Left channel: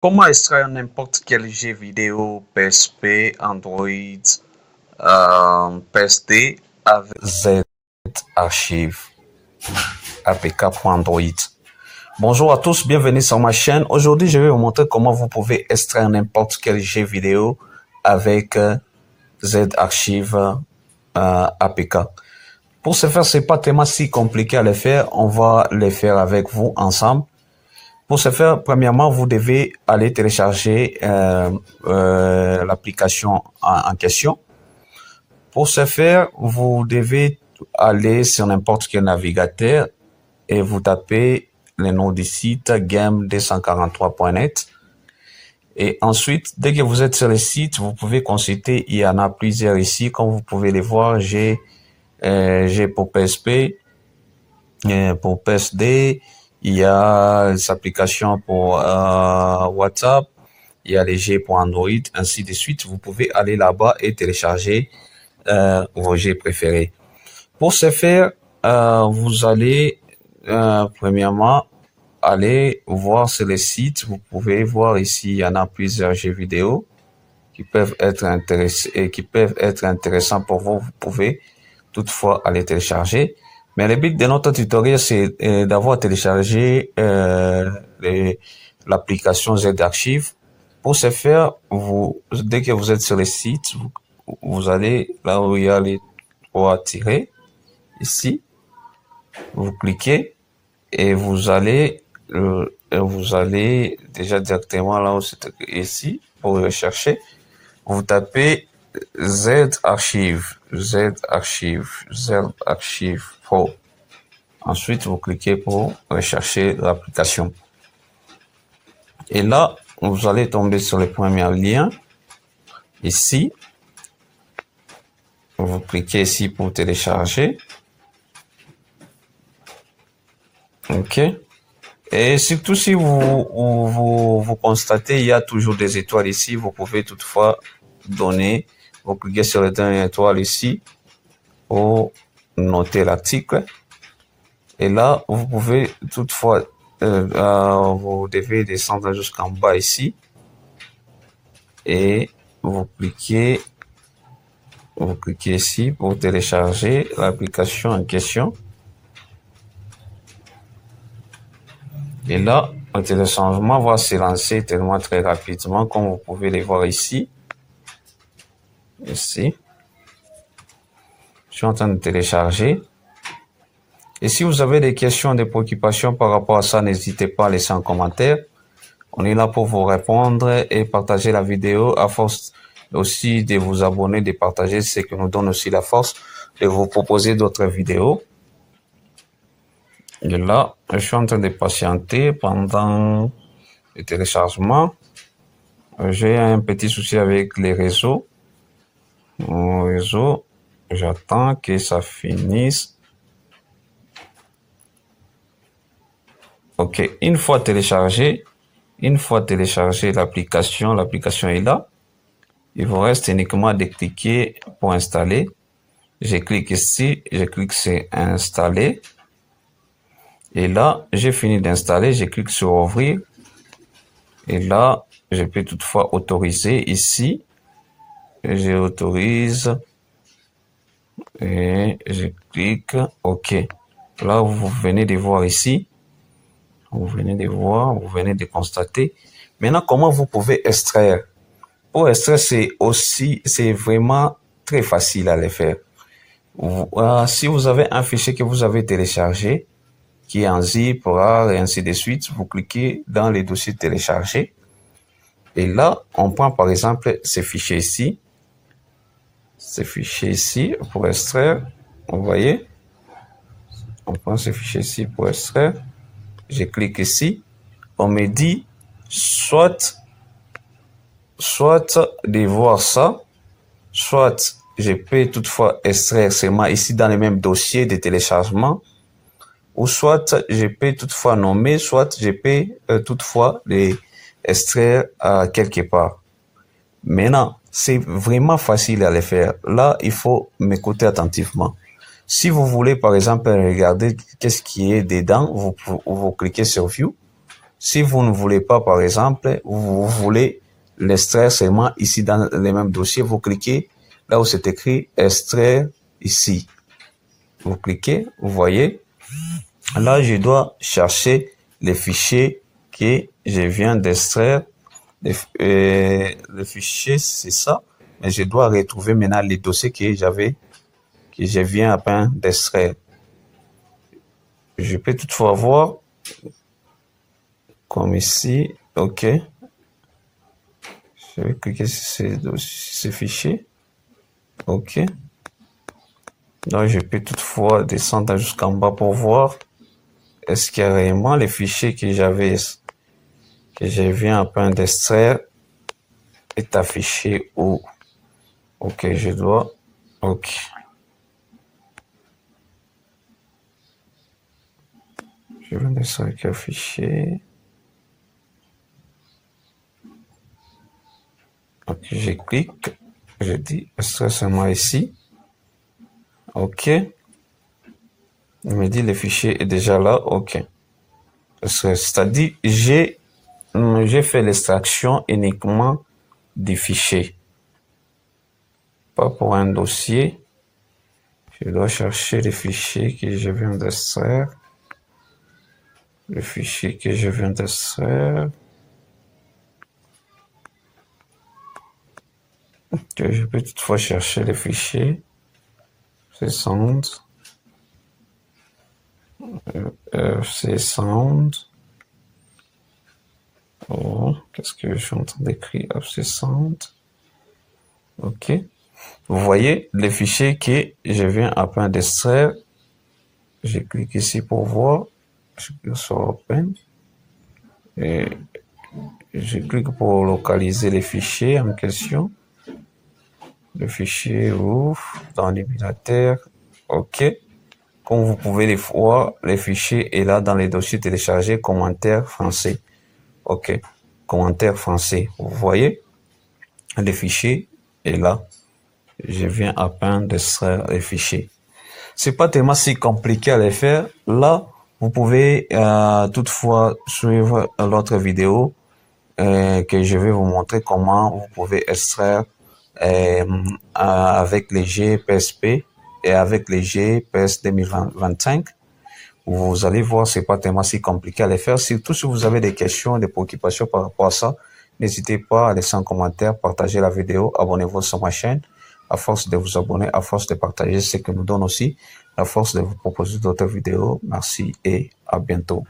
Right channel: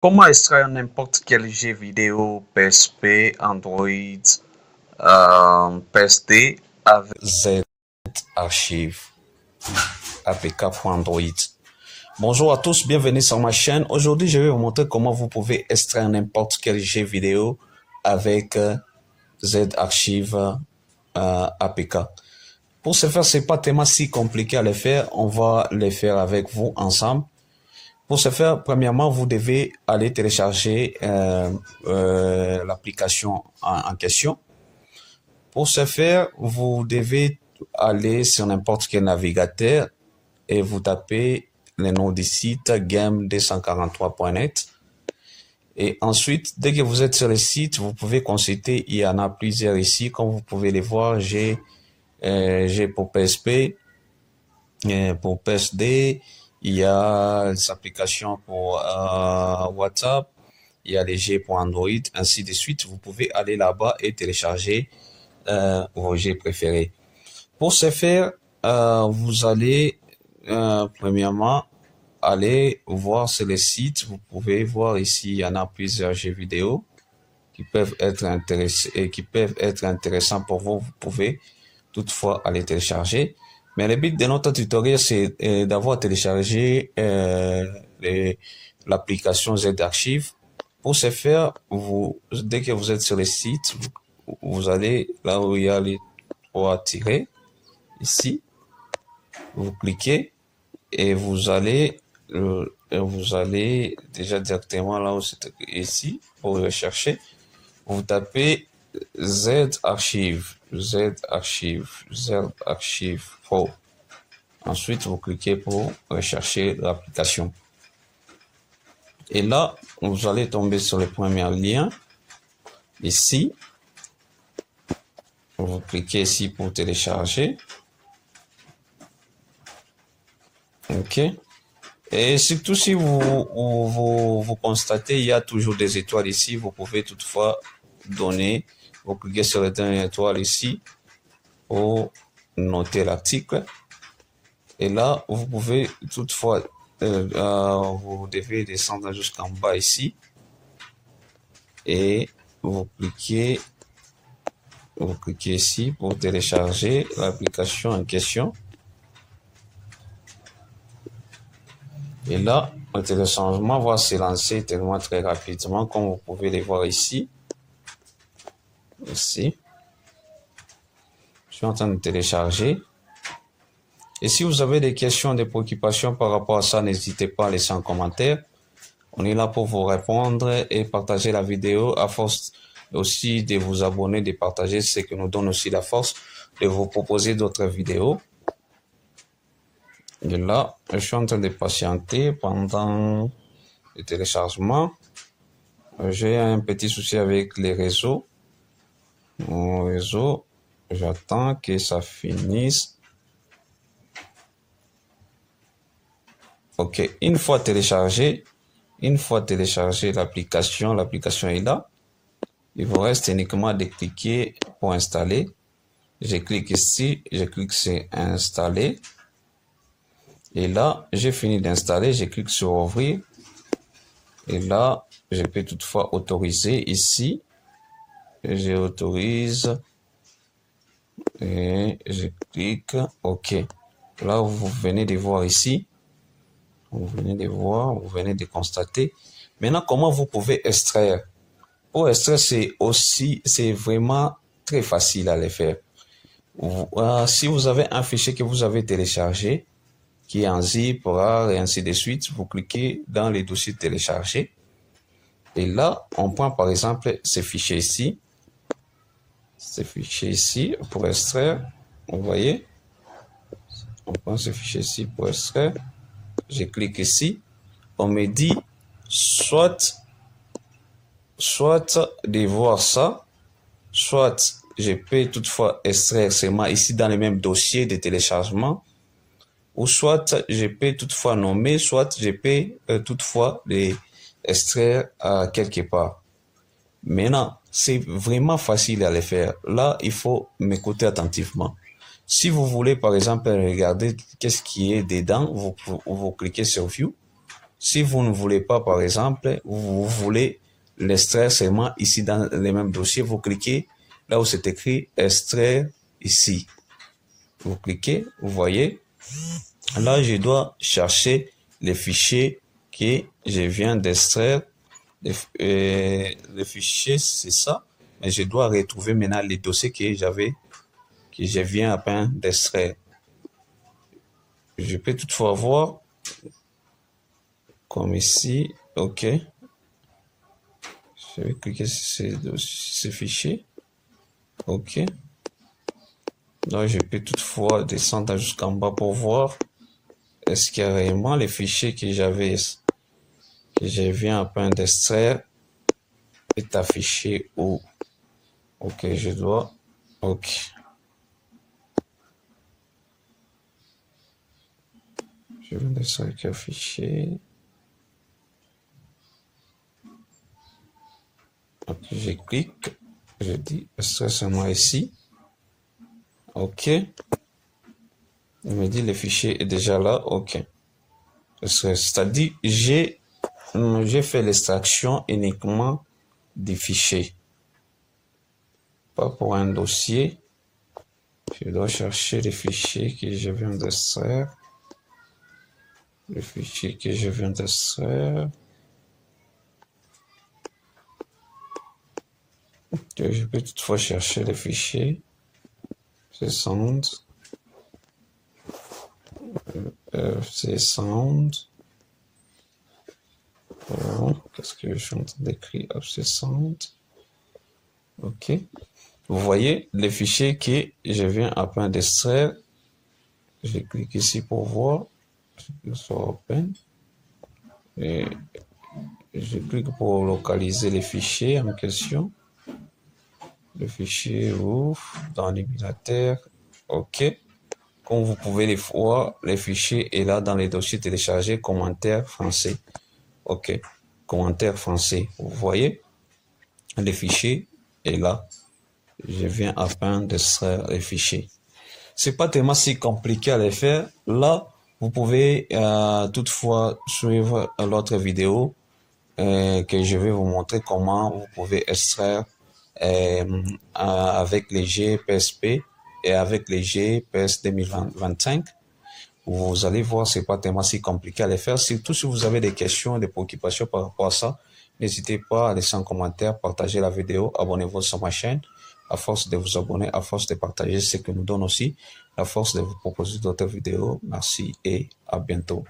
Comment extraire n'importe quel jeu vidéo PSP, Android, PSD avec Z-Archive APK pour Android. Bonjour à tous, bienvenue sur ma chaîne. Aujourd'hui, je vais vous montrer comment vous pouvez extraire n'importe quel jeu vidéo avec Z-Archive APK. Pour ce faire, c'est pas tellement si compliqué à le faire. On va le faire avec vous ensemble. Pour ce faire, premièrement, vous devez aller télécharger l'application en question. Pour ce faire, vous devez aller sur n'importe quel navigateur et vous tapez le nom du site game243.net. Et ensuite, dès que vous êtes sur le site, vous pouvez consulter. Il y en a plusieurs ici, comme vous pouvez les voir. J'ai pour PSP, pour PSD. Il y a les applications pour WhatsApp, il y a les jeux pour Android, ainsi de suite. Vous pouvez aller là-bas et télécharger vos jeux préférés. Pour ce faire, vous allez premièrement aller voir sur le site. Vous pouvez voir ici, il y en a plusieurs jeux vidéo qui peuvent être intéressants pour vous. Vous pouvez toutefois aller télécharger. Mais le but de notre tutoriel, c'est d'avoir téléchargé l'application Z-Archive. Pour ce faire, dès que vous êtes sur le site, vous allez là où il y a les trois tirets, ici, vous cliquez et vous allez déjà directement là où c'est ici pour rechercher. Vous tapez Z-Archive Pro. Ensuite, vous cliquez pour rechercher l'application. Et là, vous allez tomber sur le premier lien. Ici, vous cliquez ici pour télécharger. OK. Et surtout, si vous constatez, il y a toujours des étoiles ici. Vous pouvez toutefois donner, vous cliquez sur les dernières étoiles ici pour noter l'article. Et là, vous pouvez toutefois, vous devez descendre jusqu'en bas ici et vous cliquez ici pour télécharger l'application en question. Et là, le téléchargement va se lancer tellement très rapidement, comme vous pouvez les voir ici. Ici. Je suis en train de télécharger. Et si vous avez des questions, des préoccupations par rapport à ça, n'hésitez pas à laisser un commentaire. On est là pour vous répondre et partager la vidéo. À force aussi de vous abonner, de partager, c'est que nous donne aussi la force de vous proposer d'autres vidéos. Et là, je suis en train de patienter pendant le téléchargement. J'ai un petit souci avec les réseaux. Mon réseau, j'attends que ça finisse. OK, une fois téléchargé l'application est là. Il vous reste uniquement de cliquer pour installer. Je clique ici, je clique sur installer. Et là, j'ai fini d'installer, je clique sur ouvrir. Et là, je peux toutefois autoriser ici. J'autorise. Et je clique OK. Là, vous venez de voir ici. Vous venez de constater. Maintenant, comment vous pouvez extraire? Pour extraire, c'est vraiment très facile à le faire. Si vous avez un fichier que vous avez téléchargé, qui est en zip, RAR et ainsi de suite, vous cliquez dans les dossiers téléchargés. Et là, on prend par exemple ce fichier ici. Ce fichier ici pour extraire. Vous voyez? On prend ce fichier ici pour extraire. Je clique ici, on me dit soit de voir ça, soit je peux toutefois extraire seulement ici dans le même dossier de téléchargement, ou soit je peux toutefois nommer, soit je peux toutefois les extraire quelque part. Maintenant, c'est vraiment facile à le faire. Là, il faut m'écouter attentivement. Si vous voulez, par exemple, regarder qu'est-ce qui est dedans, vous cliquez sur View. Si vous ne voulez pas, par exemple, vous voulez l'extraire seulement ici dans le même dossier, vous cliquez là où c'est écrit extraire ici. Vous cliquez, vous voyez. Là, je dois chercher les fichiers que je viens d'extraire. Le fichier, c'est ça. Mais je dois retrouver maintenant les dossiers que je viens à peine d'extraire. Je peux toutefois voir, comme ici, OK. Je vais cliquer sur ces fichiers. OK. Donc, je peux toutefois descendre jusqu'en bas pour voir est-ce qu'il y a réellement les fichiers que je viens à peine d'extraire est affiché où. OK, je dois. OK. Je viens d'extraire quel fichier. OK, je clique. Je dis extraire seulement ici. OK. Il me dit le fichier est déjà là. OK. C'est-à-dire, j'ai fait l'extraction uniquement des fichiers. Pas pour un dossier. Je dois chercher les fichiers que je viens d'extraire. Le fichier que je viens d'extraire. Je peux toutefois chercher les fichiers. C'est sound. C'est sound. Oh, qu'est-ce que je suis en train d'écrire? C'est sound. OK. Vous voyez les fichiers que je viens à peine d'extraire. Je clique ici pour voir. Je clique sur Open. Et je clique pour localiser les fichiers en question. Le fichier ouvre dans l'émulateur. OK. Comme vous pouvez les voir, les fichiers est là dans les dossiers téléchargés, commentaires français. OK. Commentaires français. Vous voyez, les fichiers est là. Je viens à peine d'extraire les fichiers. C'est pas tellement si compliqué à les faire. Là, vous pouvez toutefois suivre l'autre vidéo que je vais vous montrer comment vous pouvez extraire avec les GPSP et avec les GPS 2025. Vous allez voir, c'est pas tellement si compliqué à les faire. Surtout si vous avez des questions, des préoccupations par rapport à ça, n'hésitez pas à laisser un commentaire, partager la vidéo, abonnez-vous sur ma chaîne. À force de vous abonner, à force de partager, ce que nous donne aussi, à force de vous proposer d'autres vidéos. Merci et à bientôt.